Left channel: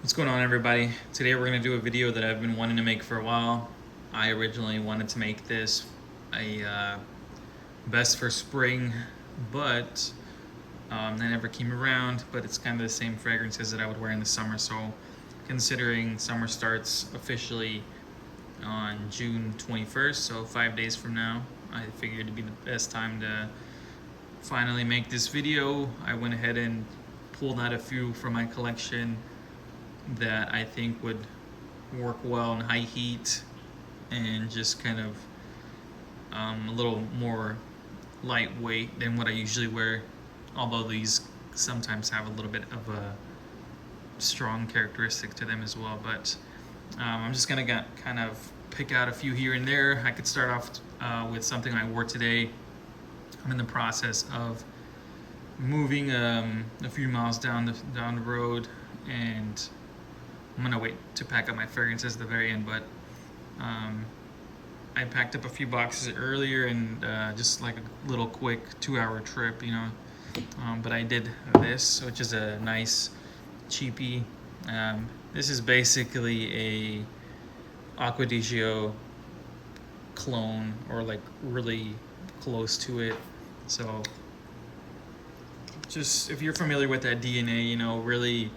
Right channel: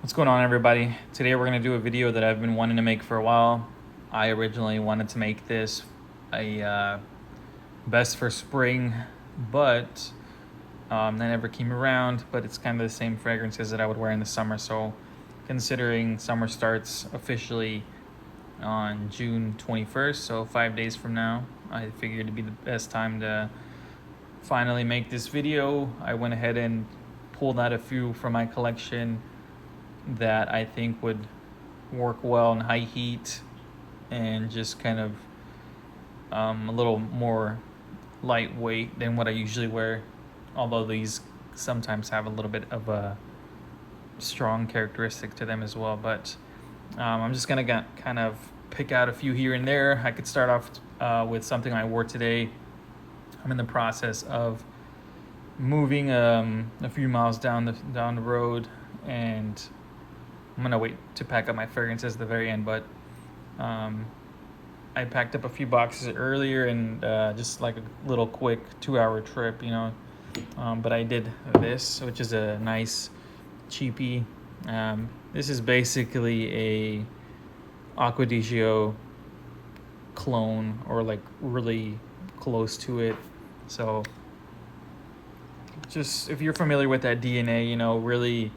What's going on, everybody? Today we're going to do a video that I've been wanting to make for a while. I originally wanted to make this a best for spring, but that never came around. But it's kind of the same fragrances that I would wear in the summer. So considering summer starts officially on June 21st, so 5 days from now, I figured it'd be the best time to finally make this video. I went ahead and pulled out a few from my collection that I think would work well in high heat and just kind of a little more lightweight than what I usually wear, although these sometimes have a little bit of a strong characteristic to them as well. But I'm just gonna kind of pick out a few here and there. I could start off with something I wore today. I'm in the process of moving a few miles down the road, and I'm gonna wait to pack up my fragrances at the very end, but I packed up a few boxes earlier and just like a little quick 2-hour trip, you know. But I did this, which is a nice cheapie. This is basically a Acqua di Gio clone, or like really close to it. So just if you're familiar with that DNA, you know, really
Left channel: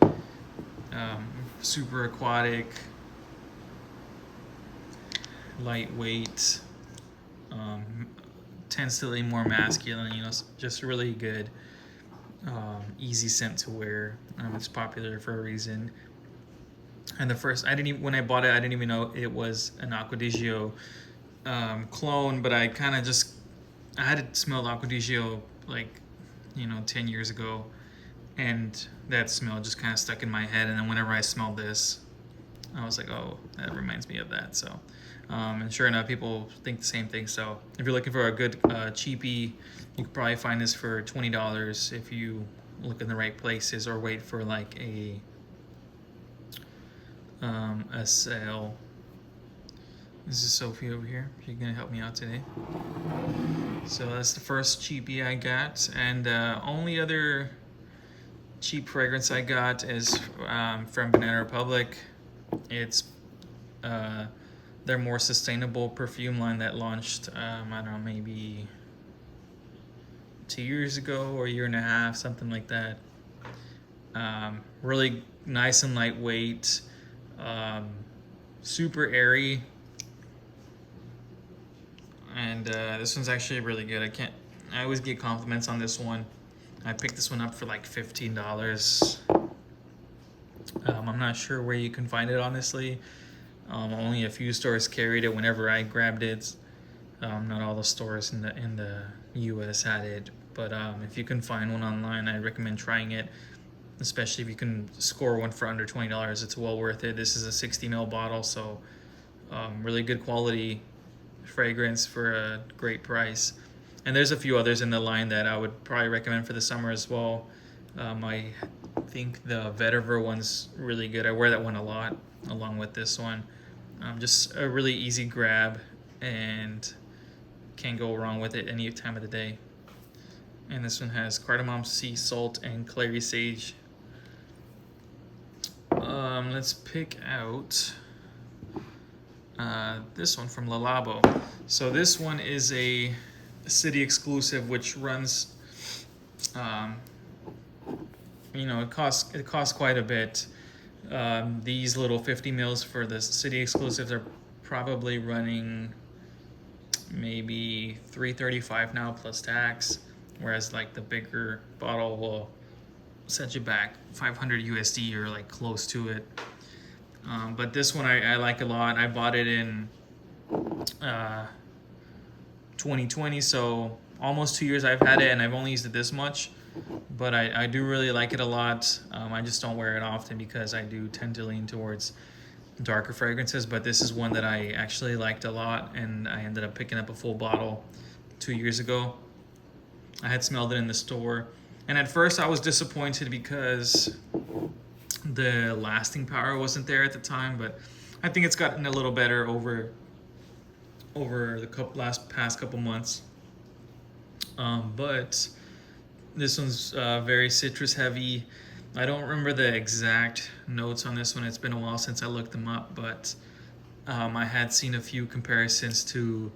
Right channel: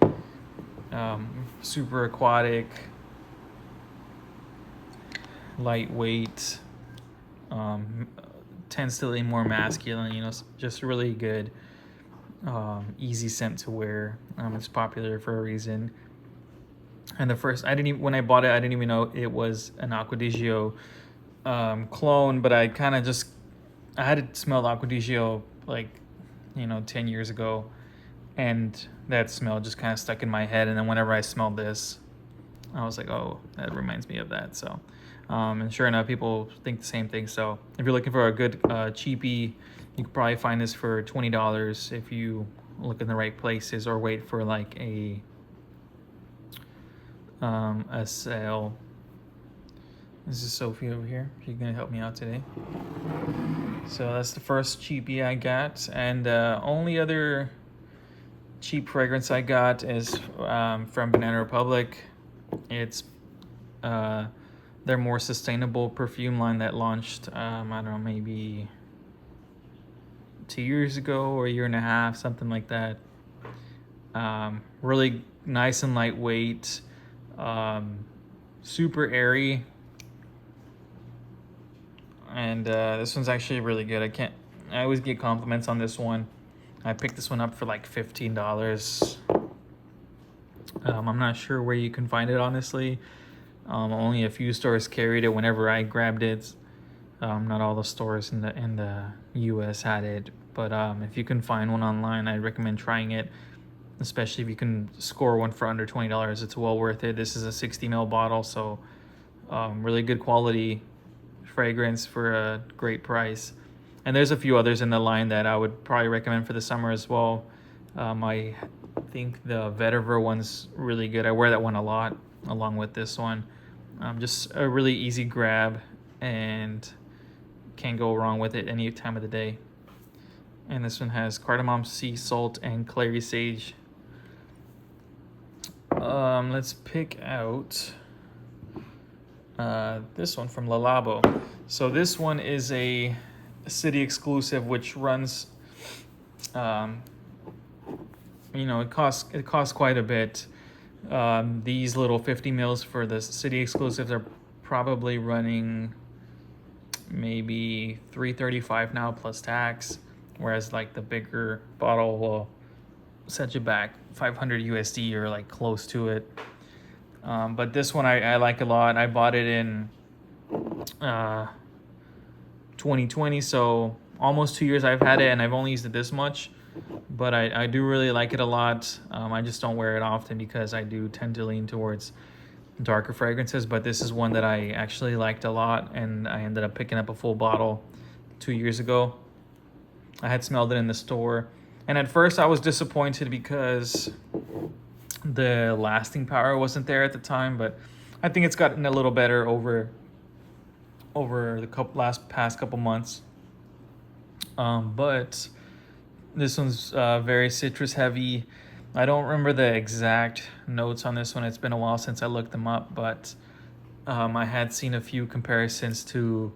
super aquatic, lightweight, tends to lean more masculine, you know, just really good, easy scent to wear. It's popular for a reason. And when I bought it, I didn't even know it was an Acqua di Gio clone, but I kind of I had smelled Acqua di Gio like, 10 years ago, and that smell just kind of stuck in my head. And then whenever I smelled this, I was like, oh, that reminds me of that. So, and sure enough, people think the same thing. So if you're looking for a good cheapie, you could probably find this for $20 if you look in the right places, or wait for like a sale. This is Sophie over here. She's gonna help me out today. So that's the first cheapie I got, and only other cheap fragrance I got is from Banana Republic. It's their more sustainable perfume line that launched, I don't know, maybe 2 years ago or a year and a half, something like that. Really nice and lightweight, super airy, and this one's actually really good. I always get compliments on this one. I picked this one up for like $15. I'm not sure where you can find it, honestly. Only a few stores carried it whenever I grabbed it. Not all the stores in the US had it, but if you can find one online, I recommend trying it, especially if you can score one for under $20. It's well worth it. This is a 60 ml bottle, so really good quality fragrance for a great price. And there's a few others in the line that I would probably recommend for the summer as well. I think the Vetiver one's really good. I wear that one a lot along with this one. Just a really easy grab, and can't go wrong with it any time of the day. And this one has cardamom, sea salt, and clary sage. Let's pick out this one from Labo. So this one is a city exclusive, which runs, it costs quite a bit. These little 50 mils for the city exclusives are probably running maybe $335 now plus tax, whereas like the bigger bottle will set you back 500 USD or like close to it. But this one I like a lot. I bought it in 2020, so almost 2 years I've had it, and I've only used it this much, but I do really like it a lot. I just don't wear it often because I do tend to lean towards darker fragrances, but this is one that I actually liked a lot, and I ended up picking up a full bottle 2 years ago. I had smelled it in the store, and at first I was disappointed because the lasting power wasn't there at the time, but I think it's gotten a little better over the past couple months. But this one's very citrus heavy. I don't remember the exact notes on this one. It's been a while since I looked them up, but I had seen a few comparisons to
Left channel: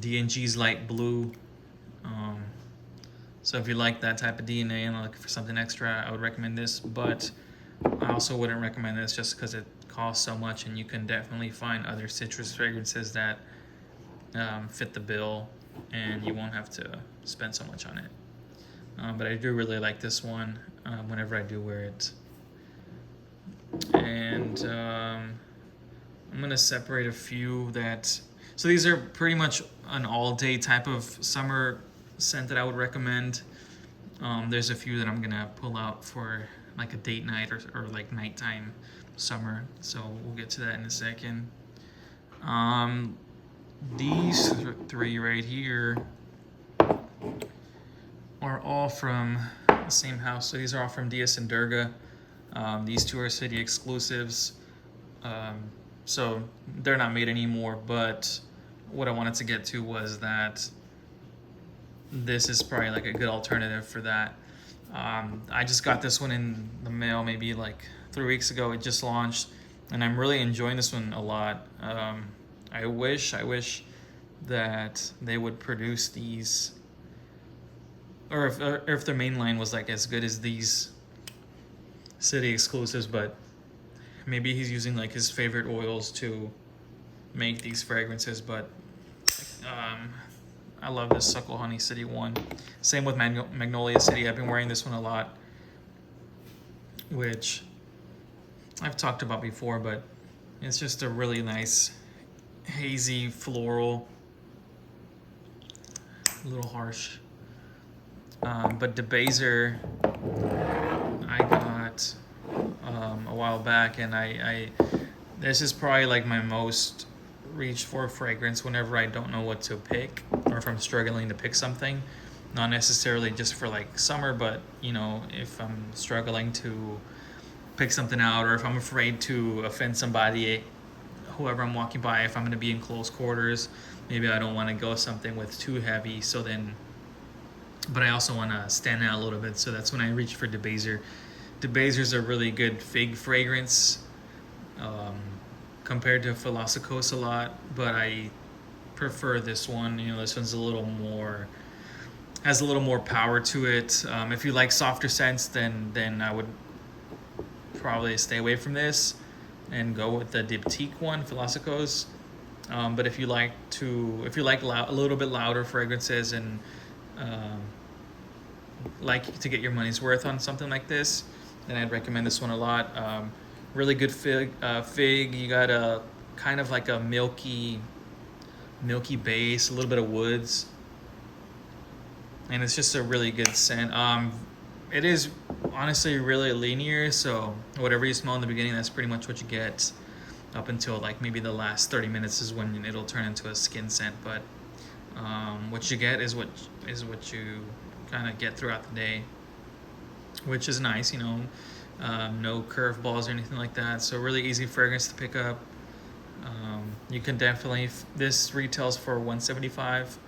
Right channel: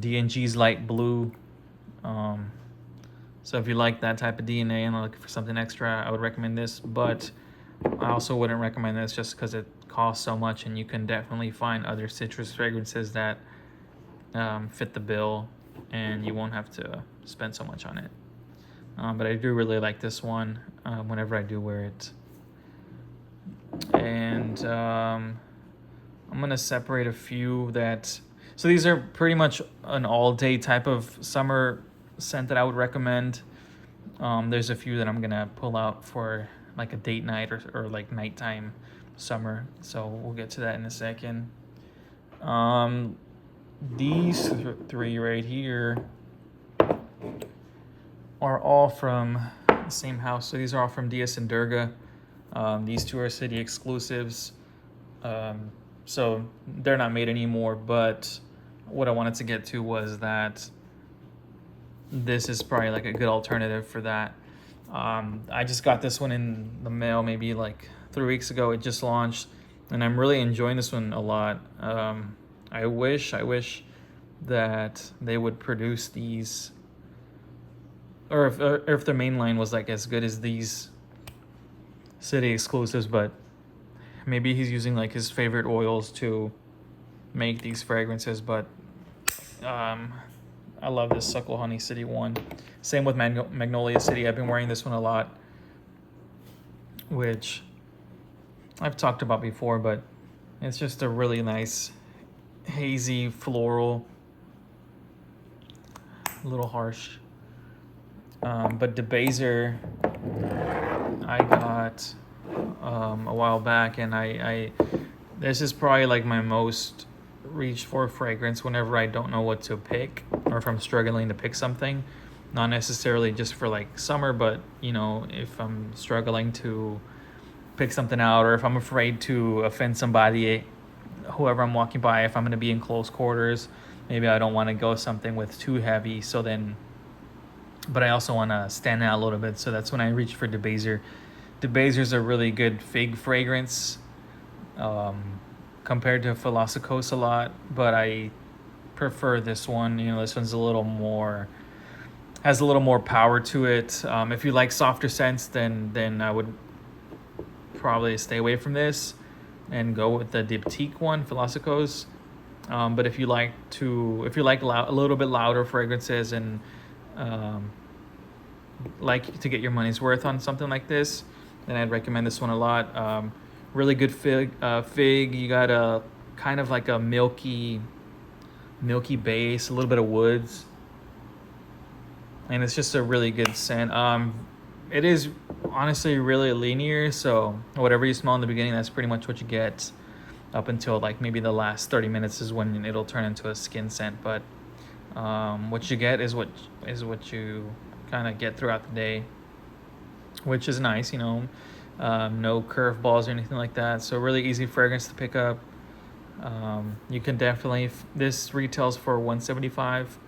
D&G's light blue. So if you like that type of DNA and are looking for something extra, I would recommend this, but I also wouldn't recommend this just because it costs so much, and you can definitely find other citrus fragrances that fit the bill and you won't have to spend so much on it. But I do really like this one whenever I do wear it. And I'm gonna separate a few that, so these are pretty much an all-day type of summer scent that I would recommend. There's a few that I'm gonna pull out for like a date night or like nighttime summer, so we'll get to that in a second. These three right here are all from the same house. So these are all from Dias and Durga. These two are city exclusives. So they're not made anymore, but what I wanted to get to was that this is probably like a good alternative for that. I just got this one in the mail maybe like 3 weeks ago. It just launched, and I'm really enjoying this one a lot. I wish that they would produce these, or if their main line was like as good as these city exclusives, but maybe he's using like his favorite oils to make these fragrances. But I love this Suckle Honey City one. Same with Magnolia City. I've been wearing this one a lot, which I've talked about before, but it's just a really nice hazy floral, a little harsh. But DeBaser I got a while back, and I this is probably like my most reached for fragrance whenever I don't know what to pick, or if I'm struggling to pick something. Not necessarily just for like summer, but you know, if I'm struggling to pick something out, or if I'm afraid to offend somebody, whoever I'm walking by, if I'm going to be in close quarters, maybe I don't want to go something with too heavy. So then, but I also want to stand out a little bit. So that's when I reach for DeBaser. DeBaser's a really good fig fragrance compared to Philosopos a lot, but I prefer this one. You know, this one's a little more, has a little more power to it. If you like softer scents, then I would probably stay away from this and go with the Diptyque one, Philosopos. But if you like a little bit louder fragrances and like to get your money's worth on something like this, then I'd recommend this one a lot. Really good fig. You got a kind of like a milky base, a little bit of woods, and it's just a really good scent. It is honestly really linear, so whatever you smell in the beginning, that's pretty much what you get up until like maybe the last 30 minutes is when it'll turn into a skin scent. But what you get is what you kind of get throughout the day, which is nice, you know. No curveballs or anything like that, so really easy fragrance to pick up. You can definitely, this retails for $175,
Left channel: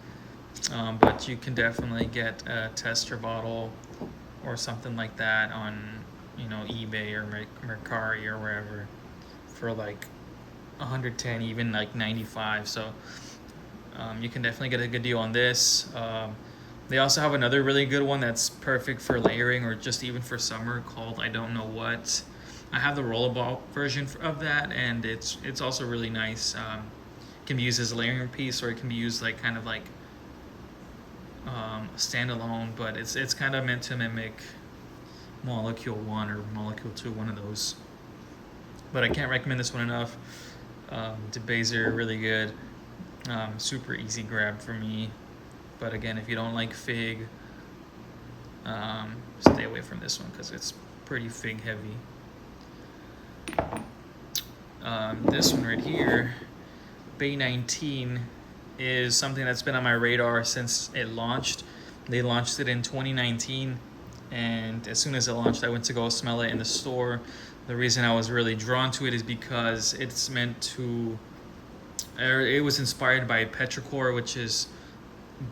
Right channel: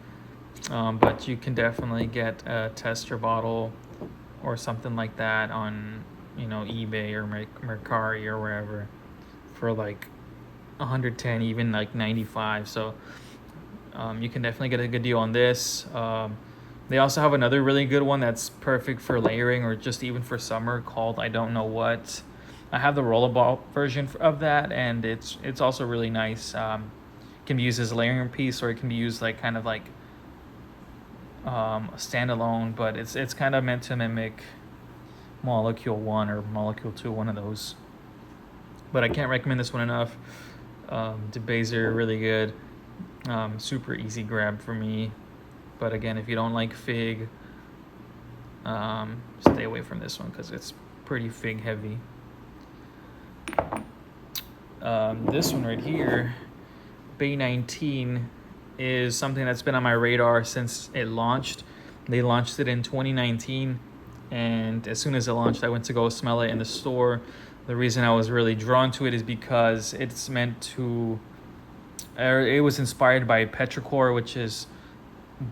but you can definitely get a tester bottle or something like that on, you know, eBay or Mercari or wherever for like 110, even like 95. So you can definitely get a good deal on this. They also have another really good one that's perfect for layering or just even for summer called I Don't Know What. I have the rollerball version of that, and it's also really nice. It can be used as a layering piece, or it can be used like kind of like standalone, but it's kind of meant to mimic Molecule 1 or Molecule 2, one of those. But I can't recommend this one enough. DeBaser, really good. Super easy grab for me. But again, if you don't like fig, stay away from this one because it's pretty fig heavy. This one right here, Bay 19, is something that's been on my radar since it launched. They launched it in 2019, and as soon as it launched, I went to go smell it in the store. The reason I was really drawn to it is because it's meant to, it was inspired by petrichor, which is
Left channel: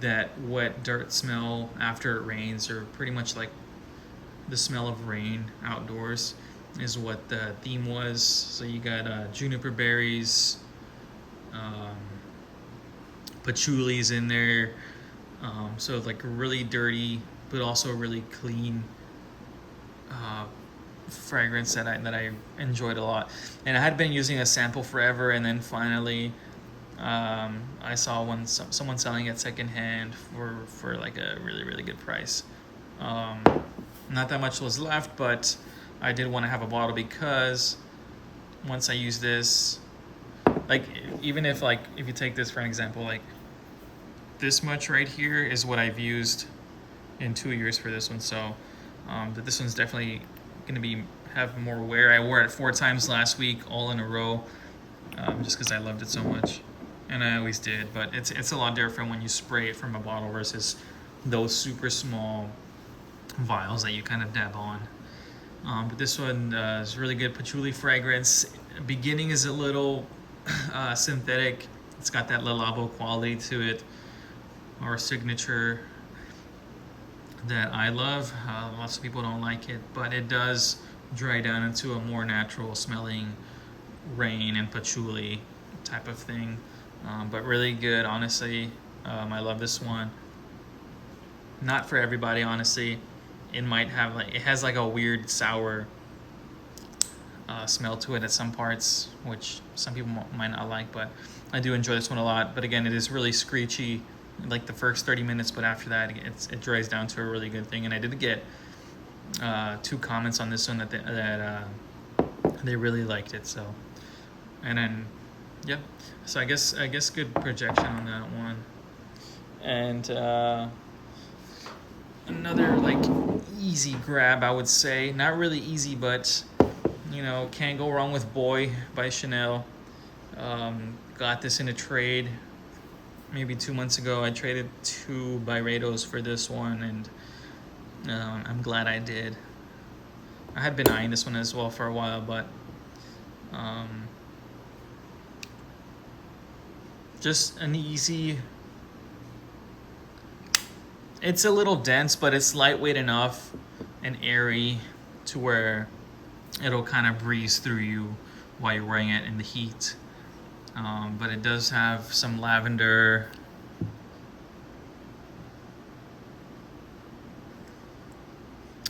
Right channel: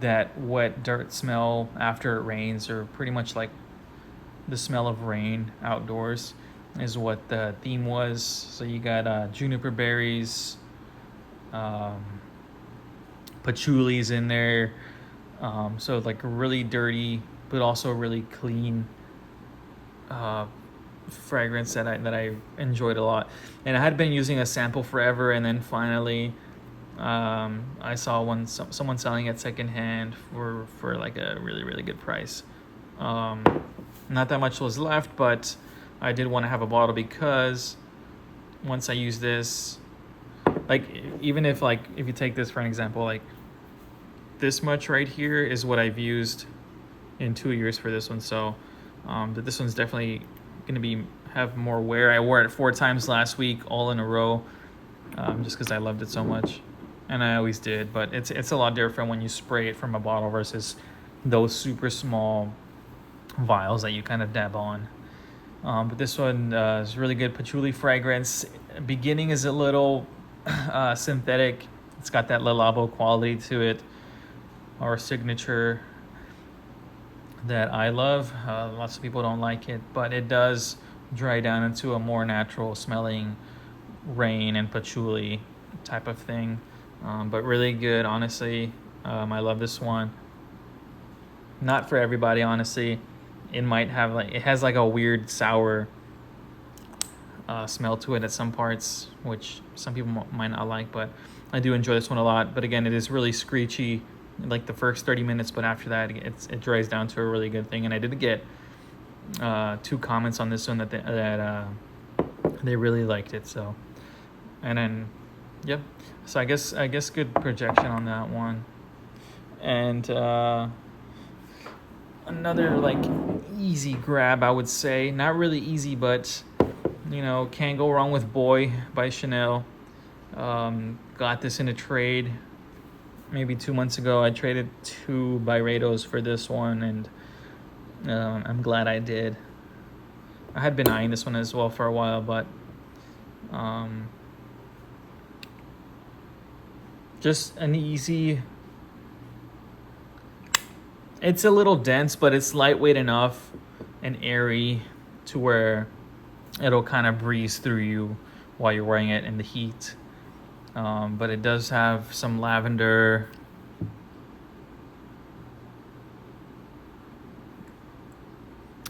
that wet dirt smell after it rains, or pretty much like the smell of rain outdoors is what the theme was. So you got juniper berries, um, patchoulis in there. So like really dirty, but also really clean uh, fragrance that I enjoyed a lot. And I had been using a sample forever, and then finally I saw someone selling it secondhand for like a really good price. Not that much was left, but I did want to have a bottle because once I use this, like even if you take this for an example, like this much right here is what I've used in 2 years for this one. So but this one's definitely gonna have more wear. I wore it 4 times last week, all in a row, just because I loved it so much, and I always did. But it's a lot different when you spray it from a bottle versus those super small vials that you kind of dab on. But this one is really good patchouli fragrance. Beginning is a little synthetic. It's got that Labo quality to it, our signature that I love. Lots of people don't like it, but it does dry down into a more natural smelling rain and patchouli type of thing. But really good, honestly. I love this one. Not for everybody, honestly. It might have it has like a weird sour smell to it at some parts, which some people might not like, but I do enjoy this one a lot. But again, it is really screechy like the first 30 minutes, but after that it dries down to a really good thing. And I did get 2 comments on this one that they really liked it. So, and then yep, so I guess good projection on that one. And another like easy grab, I would say. Not really easy, but you know, can't go wrong with Boy by Chanel. Got this in a trade maybe 2 months ago. I traded 2 Byredos for this one, and I'm glad I did. I had been eyeing this one as well for a while, but just an easy. It's a little dense, but it's lightweight enough and airy to where it'll kind of breeze through you while you're wearing it in the heat. But it does have some lavender.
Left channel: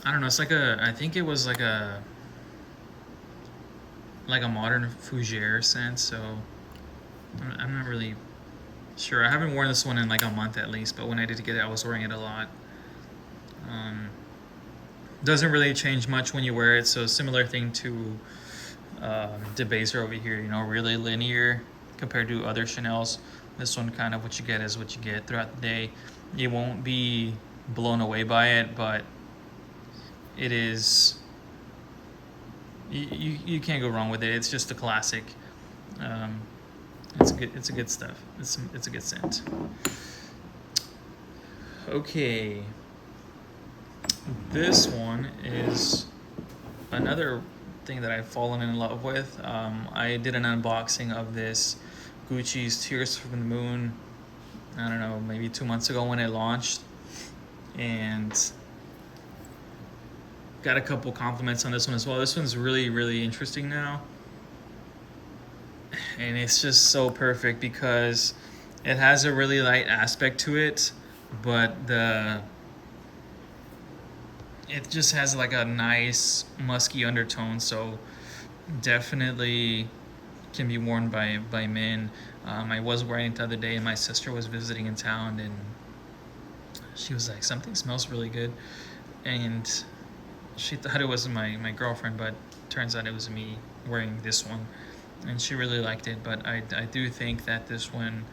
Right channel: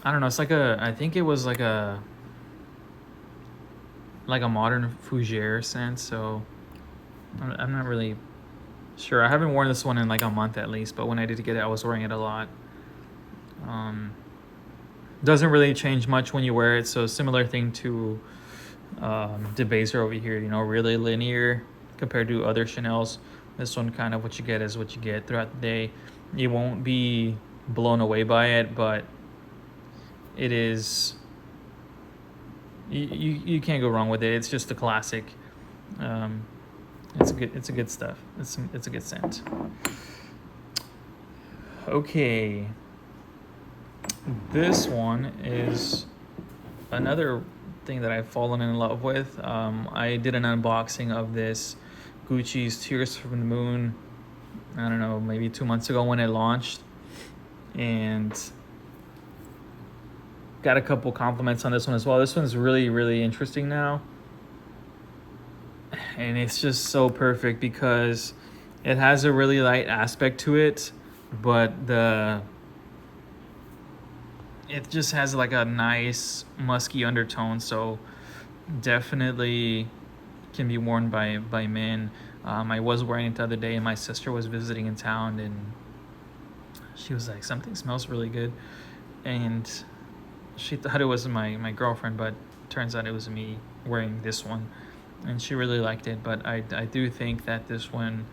I don't know, it's like I think it was like a modern fougere scent, so I'm not really sure. I haven't worn this one in like a month at least, but when I did get it, I was wearing it a lot. Doesn't really change much when you wear it, so similar thing to Debaser over here, you know, really linear compared to other Chanels. This one, kind of what you get is what you get throughout the day. You won't be blown away by it, but it is, you can't go wrong with it. It's just a classic. It's a good stuff. It's a good scent. Okay, this one is another thing that I've fallen in love with. I did an unboxing of this Gucci's Tears from the Moon, I don't know, maybe 2 months ago when it launched, and got a couple compliments on this one as well. This one's really interesting now, and it's just so perfect because it has a really light aspect to it, but it just has like a nice musky undertone, so definitely can be worn by men. I was wearing it the other day, and my sister was visiting in town, and she was like, something smells really good, and she thought it was my girlfriend, but turns out it was me wearing this one, and she really liked it. But I do think that this one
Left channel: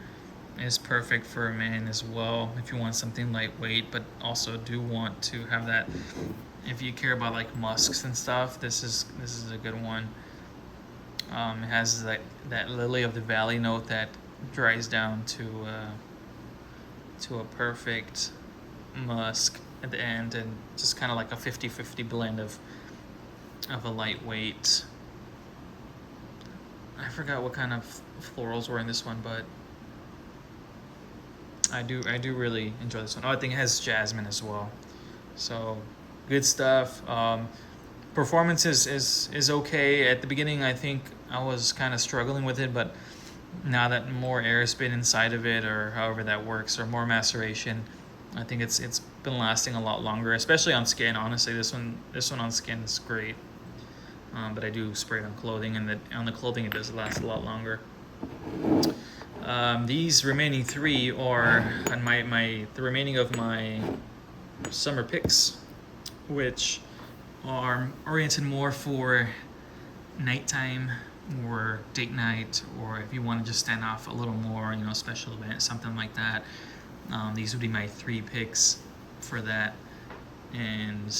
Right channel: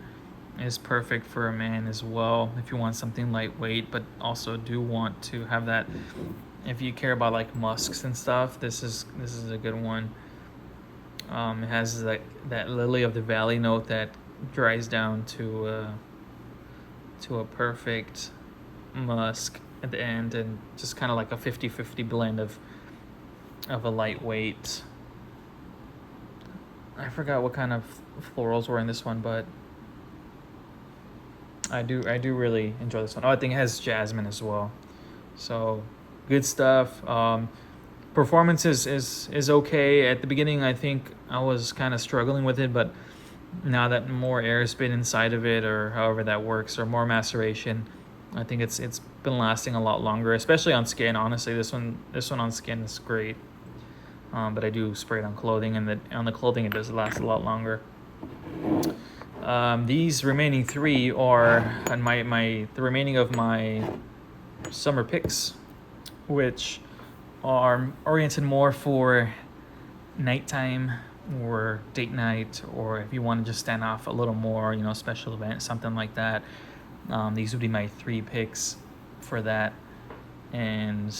is perfect for a man as well, if you want something lightweight, but also do want to have that, if you care about like musks and stuff, this is a good one. It has that lily of the valley note that dries down to a perfect musk at the end, and just kind of like a 50-50 blend of a lightweight. I forgot what kind of florals were in this one, but I do really enjoy this one. Oh, I think it has jasmine as well. So good stuff. Performance is okay. At the beginning, I think I was kind of struggling with it, but now that more air has been inside of it, or however that works, or more maceration, I think it's been lasting a lot longer, especially on skin. Honestly, this one on skin is great. But I do spray it on clothing, and on the clothing it does last a lot longer. These remaining three are the remaining of my summer picks, which are oriented more for nighttime or date night, or if you want to just stand off a little more, special event, something like that. These would be my three picks for that. And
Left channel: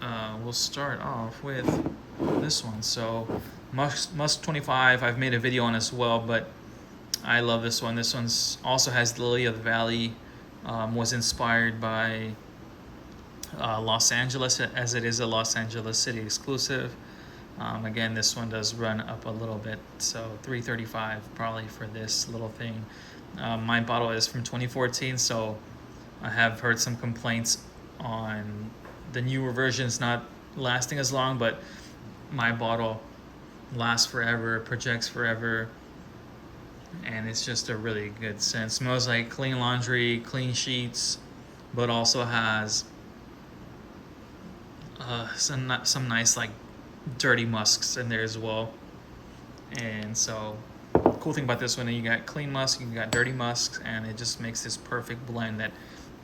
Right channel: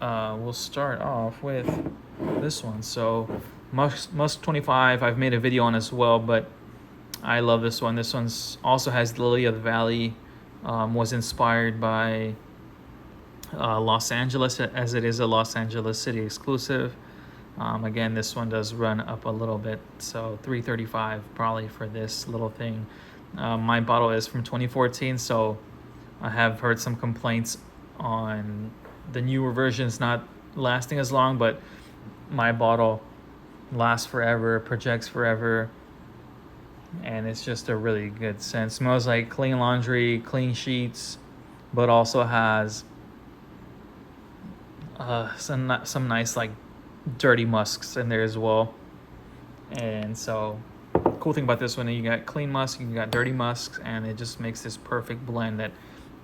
we'll start off with this one. So Musk 25, I've made a video on as well, but I love this one. This one's also has Lily of the Valley. Was inspired by Los Angeles, as it is a Los Angeles city exclusive. Again, this one does run up a little bit, so $335 probably for this little thing. My bottle is from 2014, so I have heard some complaints on the newer versions not lasting as long, but my bottle lasts forever, projects forever, and it's just a really good scent. Smells like clean laundry, clean sheets, but also has some nice like dirty musks in there as well. And so cool thing about this one, you got clean musk, you got dirty musks, and it just makes this perfect blend that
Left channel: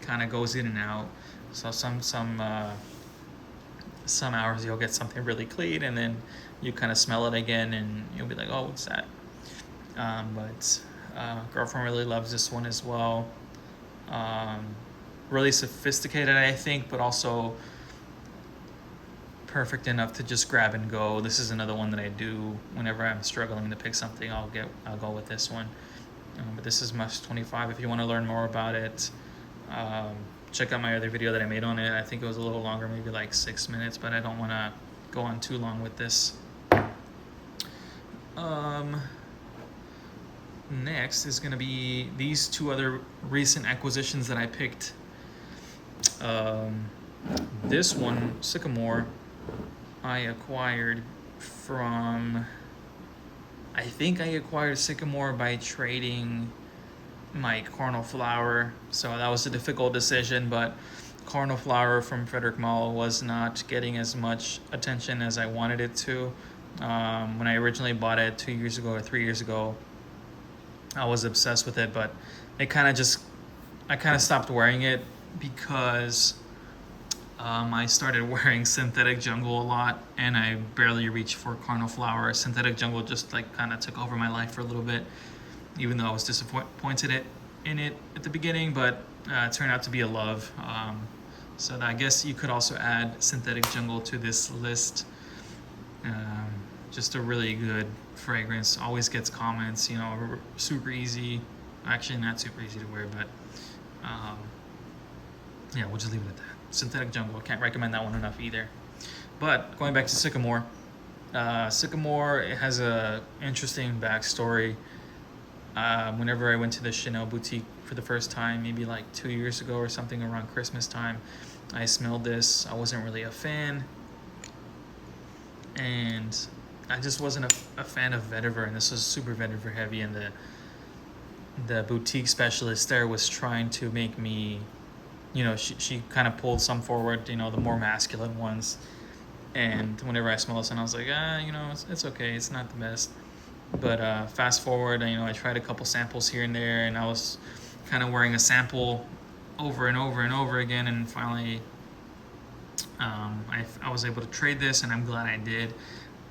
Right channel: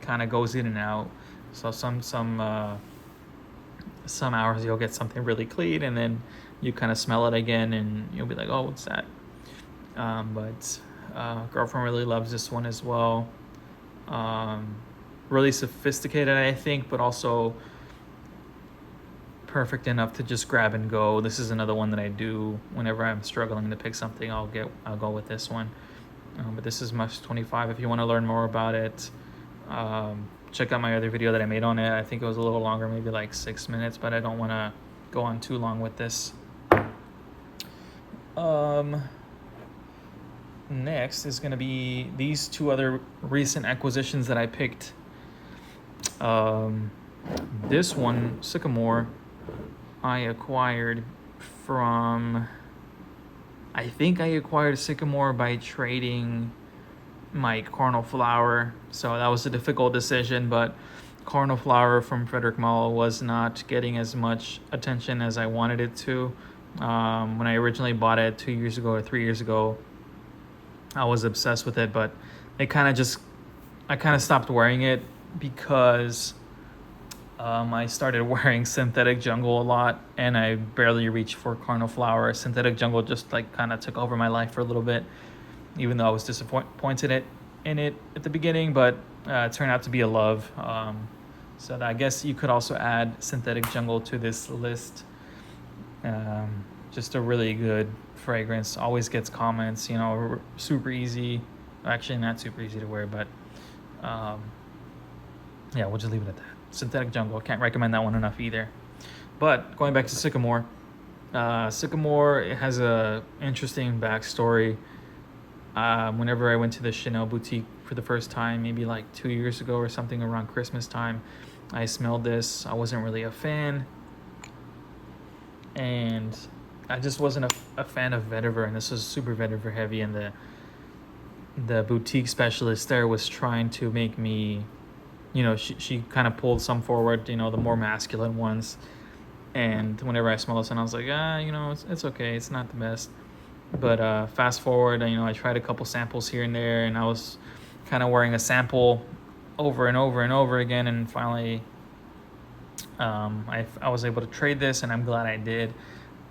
kind of goes in and out. So some hours you'll get something really clean, and then you kind of smell it again and you'll be like, oh, what's that? But girlfriend really loves this one as well. Really sophisticated, I think, but also perfect enough to just grab and go. This is another one that I do whenever I'm struggling to pick something. I'll go with this one. But this is Musk 25. If you want to learn more about it, check out my other video that I made on it. I think it was a little longer, maybe like 6 minutes, but I don't want to go on too long with this. Next is going to be these two other recent acquisitions that I picked. This one, Sycamore, I acquired from, I think I acquired Sycamore by trading my Carnal Flower. So that was a difficult decision, but Carnal Flower from Frederic Malle was not getting as much attention as I wanted it to. When I originally bought it 2 years ago or 3 years ago, I was obsessed with it, but I kind of stopped wearing it because I started wearing Synthetic Jungle a lot, and I barely reached for Carnal Flower. Synthetic Jungle just like kind of took over my life for a little bit, even though I was disappointed in it at the beginning, but it turned out to be a love. So I guess you could also add Synthetic Jungle to this list. Just a really good fragrance, always gets comments, super easy. Actually, not super easy to wear, but yeah, we'll just leave it at that. Synthetic Jungle, can't recommend that one enough either. But going back to Sycamore, Sycamore has a interesting backstory. Whenever I went to the Chanel boutique for the first time, maybe like 2 years ago or something, around Christmas time, I smelled this. I wasn't really a fan, and I just wasn't a fan of vetiver, and this was super vetiver heavy, and the boutique specialist there was trying to make me, she kind of pulled some forward, the more masculine ones. And whenever I smelled this, and I was like, it's okay, it's not the best. But fast forward, I tried a couple samples here and there, and I was kind of wearing a sample over and over and over again, and finally I was able to trade this, and I'm glad I did.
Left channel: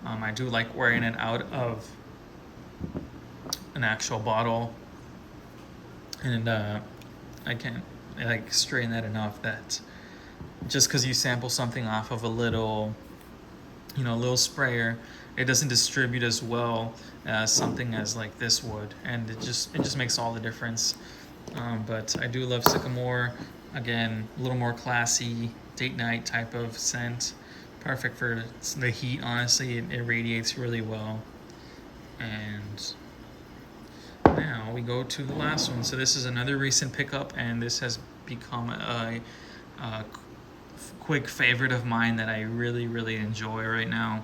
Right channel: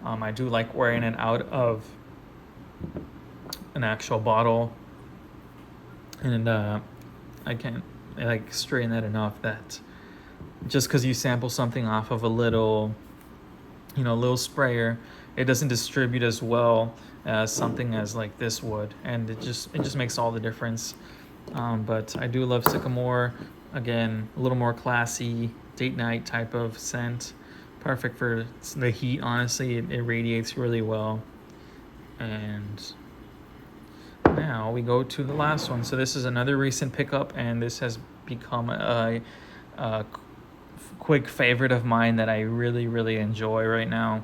I do like wearing it out of an actual bottle, and I can't like strain that enough that just because you sample something off of a little sprayer, it doesn't distribute as well as something as like this would, and it just makes all the difference. But I do love Sycamore. Again, a little more classy, date night type of scent. Perfect for the heat, honestly. It radiates really well. And now we go to the last one. So this is another recent pickup, and this has become a quick favorite of mine that I really enjoy right now.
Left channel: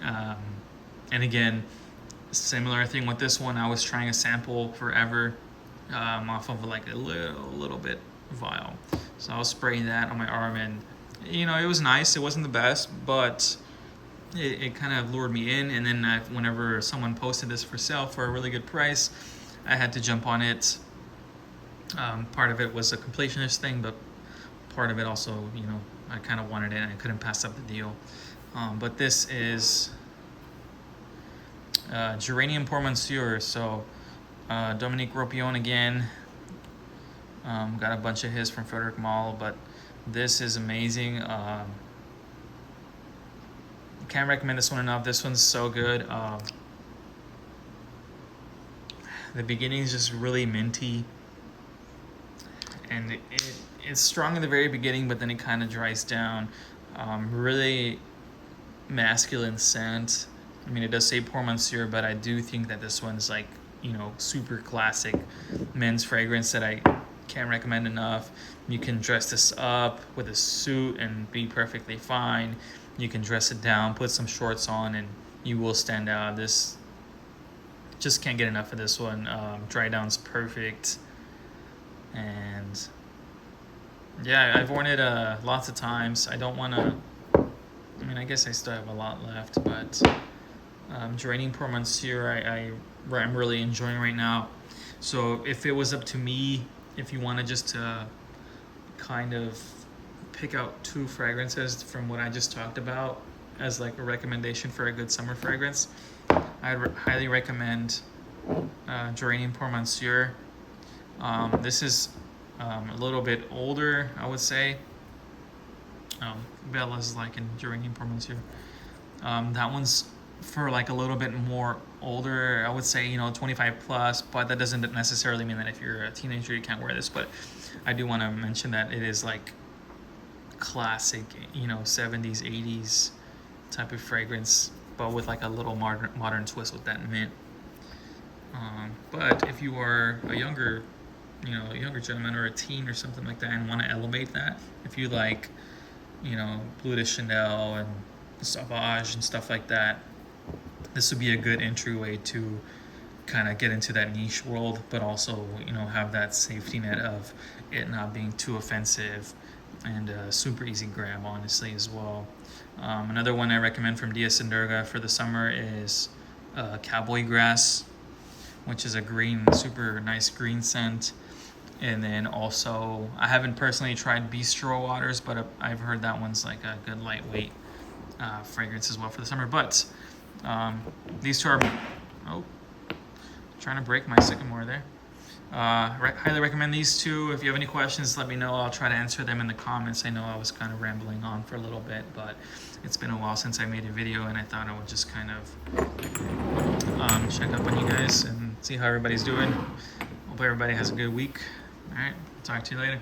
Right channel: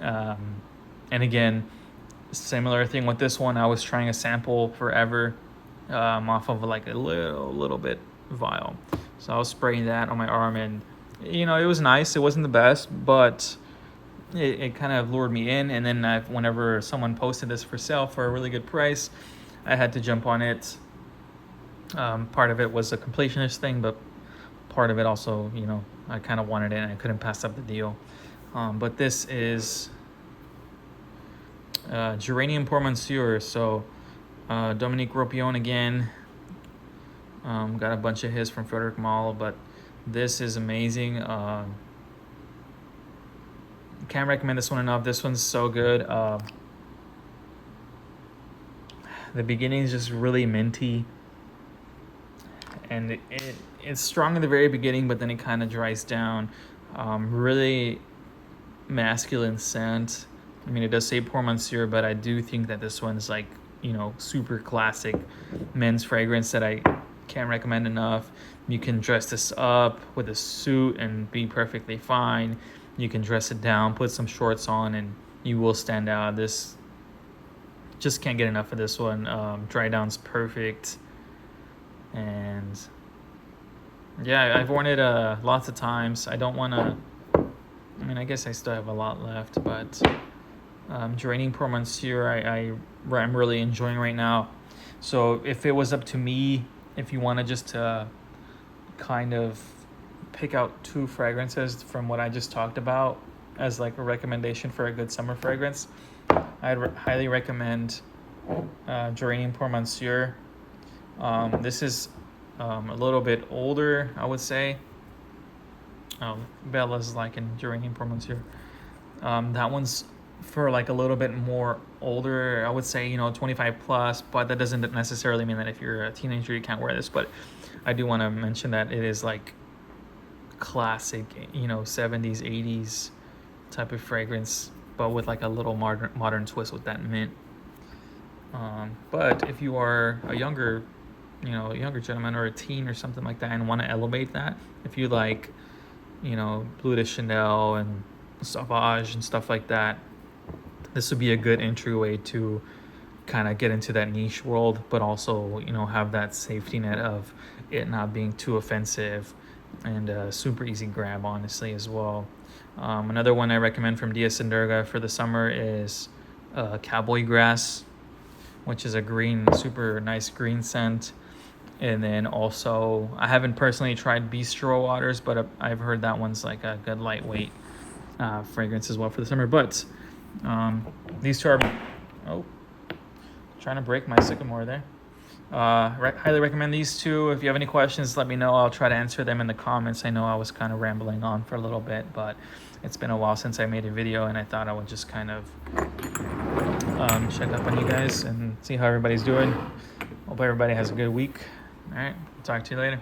And again, similar thing with this one. I was trying a sample forever off of like a little bit vial. So I was spraying that on my arm, and you know, it was nice. It wasn't the best, but it kind of lured me in. And then whenever someone posted this for sale for a really good price, I had to jump on it. Part of it was a completionist thing, but part of it also, you know, I kind of wanted it and I couldn't pass up the deal. But this is Geranium pour Monsieur. So Dominique Ropion again. Got a bunch of his from Frederic Malle, but this is amazing. Can't recommend this one enough. This one's so good. The beginning is just really minty, and it's strong in the very beginning, but then it kind of dries down. Really masculine scent. I mean, it does say pour Monsieur, but I do think that this one's like, you know, super classic men's fragrance that I can't recommend enough. You can dress this up with a suit and be perfectly fine. You can dress it down, put some shorts on, and you will stand out. This, just can't get enough of this one. Dry down's perfect. And yeah, I've worn it lots of times. I don't want to, I mean, I guess I still have a lot left, but Geranium pour Monsieur I'm really enjoying right now. So if it was up to me, if you want to just kind of pick out 2 fragrances from what I just talked about as like a recommendation for a good summer fragrance, I'd highly recommend Geranium pour Monsieur. This is a little bit older, I would say. Bella's like in Geranium pour Monsieur. That one's for like a little bit more older, I would say, you know, 25 plus, but that doesn't necessarily mean that if you're a teenager you can't wear this. But I do want to mention that it is like classic, you know, 70s 80s type of fragrance, but with like a little modern twist with that mint. But if you are a younger gentleman or a teen or something like that and want to elevate that, if you like, you know, Bleu de Chanel and Sauvage and stuff like that, this would be a good entryway to kind of get into that niche world, but also, you know, have that safety net of it not being too offensive and super easy grab, honestly, as well. Another one I recommend from Diaz and Durga for the summer is Cowboy Grass, which is a green, super nice green scent. And then also, I haven't personally tried Bistro Waters, but I've heard that one's like a good lightweight fragrance as well for the summer. But these 2 are, trying to break my Sycamore there. Highly recommend these 2. If you have any questions, let me know. I'll try to answer them in the comments. I know I was kind of rambling on for a little bit, but it's been a while since I made a video, and I thought I would just kind of check up on you guys and see how everybody's doing. Hope everybody has a good week. All right, talk to you later.